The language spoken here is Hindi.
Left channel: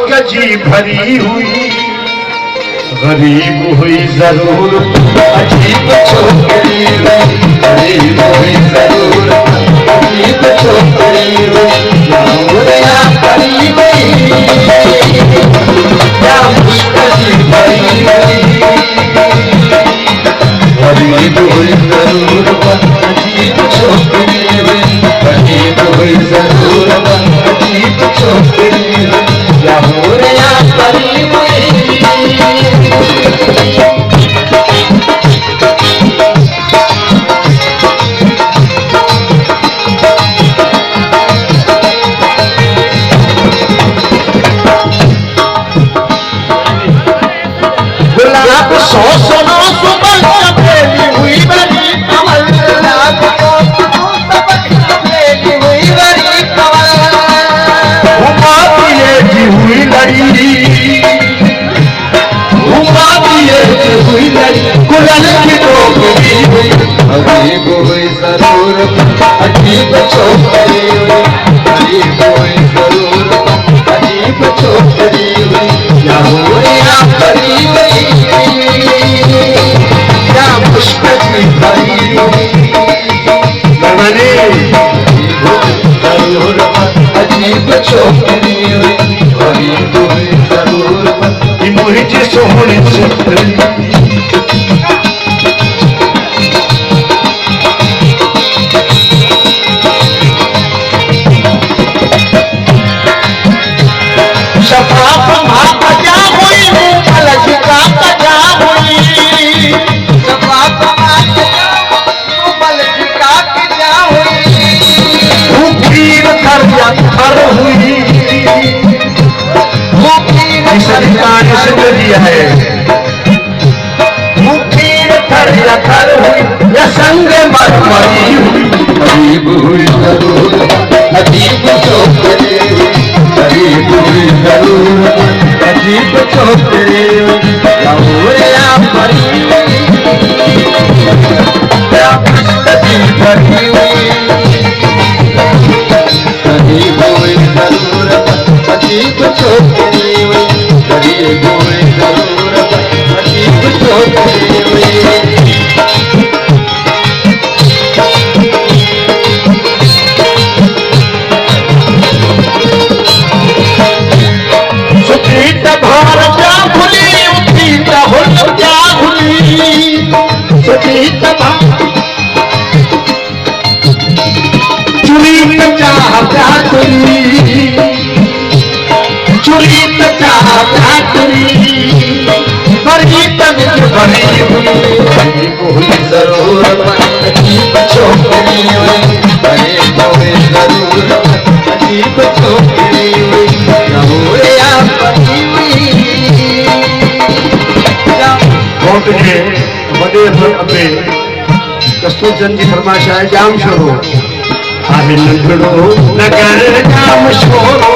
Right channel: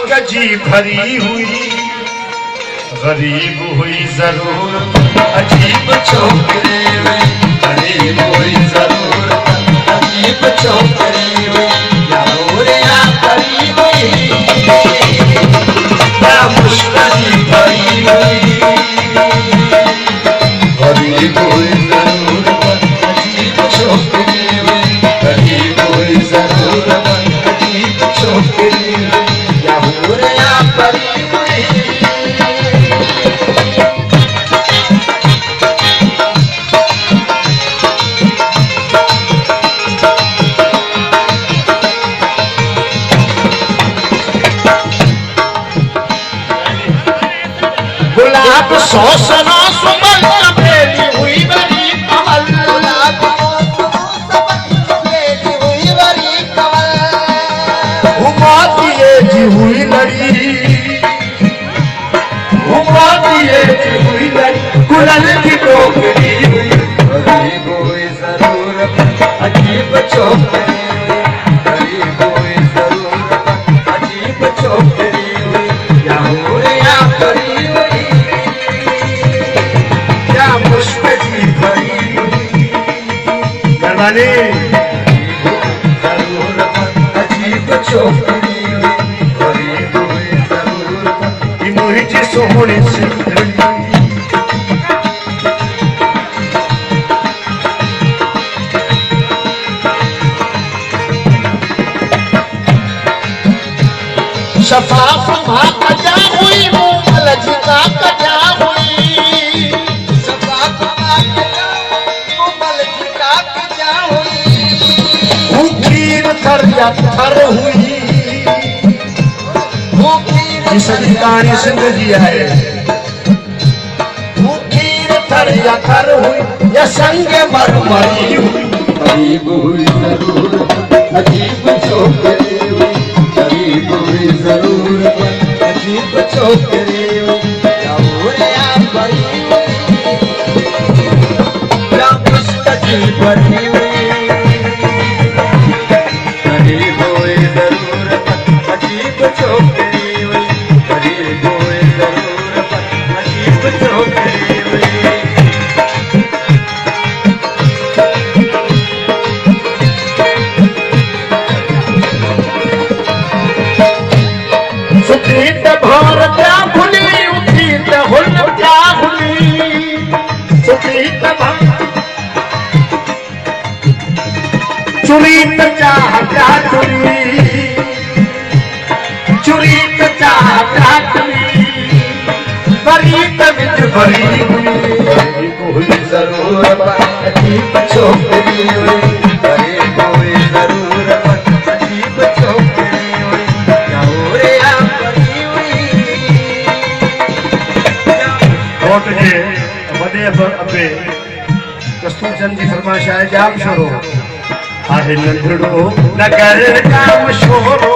मुश्क जी भरी हुई, गरीब हुई जरूर अजीब छोकरी हुई, गरीब हुई जरूर अजीब छोकरी हुई, या मोर या परी हुई, या मुश्क जी भरी हुई, गरीब हुई जरूर अजीब छोकरी हुई, गरीब हुई जरूर अजीब छोकरी हुई, या मोर या परी हुई। गुलाब सौ सना सुबह चमेली हुई बड़ी कमल, गुलाब सौ सना चमेली हुई बड़ी कमल, घुमा दिए जी हुई लड़ी, घुमा दिए जी हुई लड़ी, गुलाल की टोकरी हुई, गरीब हुई जरूर अजीब छोकरी हुई, गरीब हुई जरूर अजीब छोकरी हुई, या मोर या परी हुई, या मुश्क जी भरी हुई, जरूर अजीब छोकरी हुई, गरीब हुई जरूर मुझे सोहनी छतरी। शफाफ माँ कजा हुई हूँ कलज का कजा हुई, शफाफ माँ कजा हूँ कलज का कजा हुई, भूखीर कर हुई, पानी से जो दिया है, भूखीर कर हुई या संगे मरमरी हुई, गरीब हुई जरूर अजीब छोकरी हुई, गरीब हुई जरूर अजीब छोकरी हुई, या मोर या परी हुई, या मुश्क जी भरी हुई, गरीब हुई जरूर अजीब छोकरी हुई, गरीब हुई जरूर अजीब छोकरी हुई। चुरी चाह चुरी चाह चुरी बड़ी तमिज भरी हुई, गरीब हुई जरूर अजीब छोकरी हुई, गरीब हुई जरूर अजीब छोकरी हुई, या मोर या परी हुई। बहुत के वॾे अबे कस्तूरचंद जी फरमाइश आहे जाम शोरो आहे, नंढड़ो नगर जाम शोरो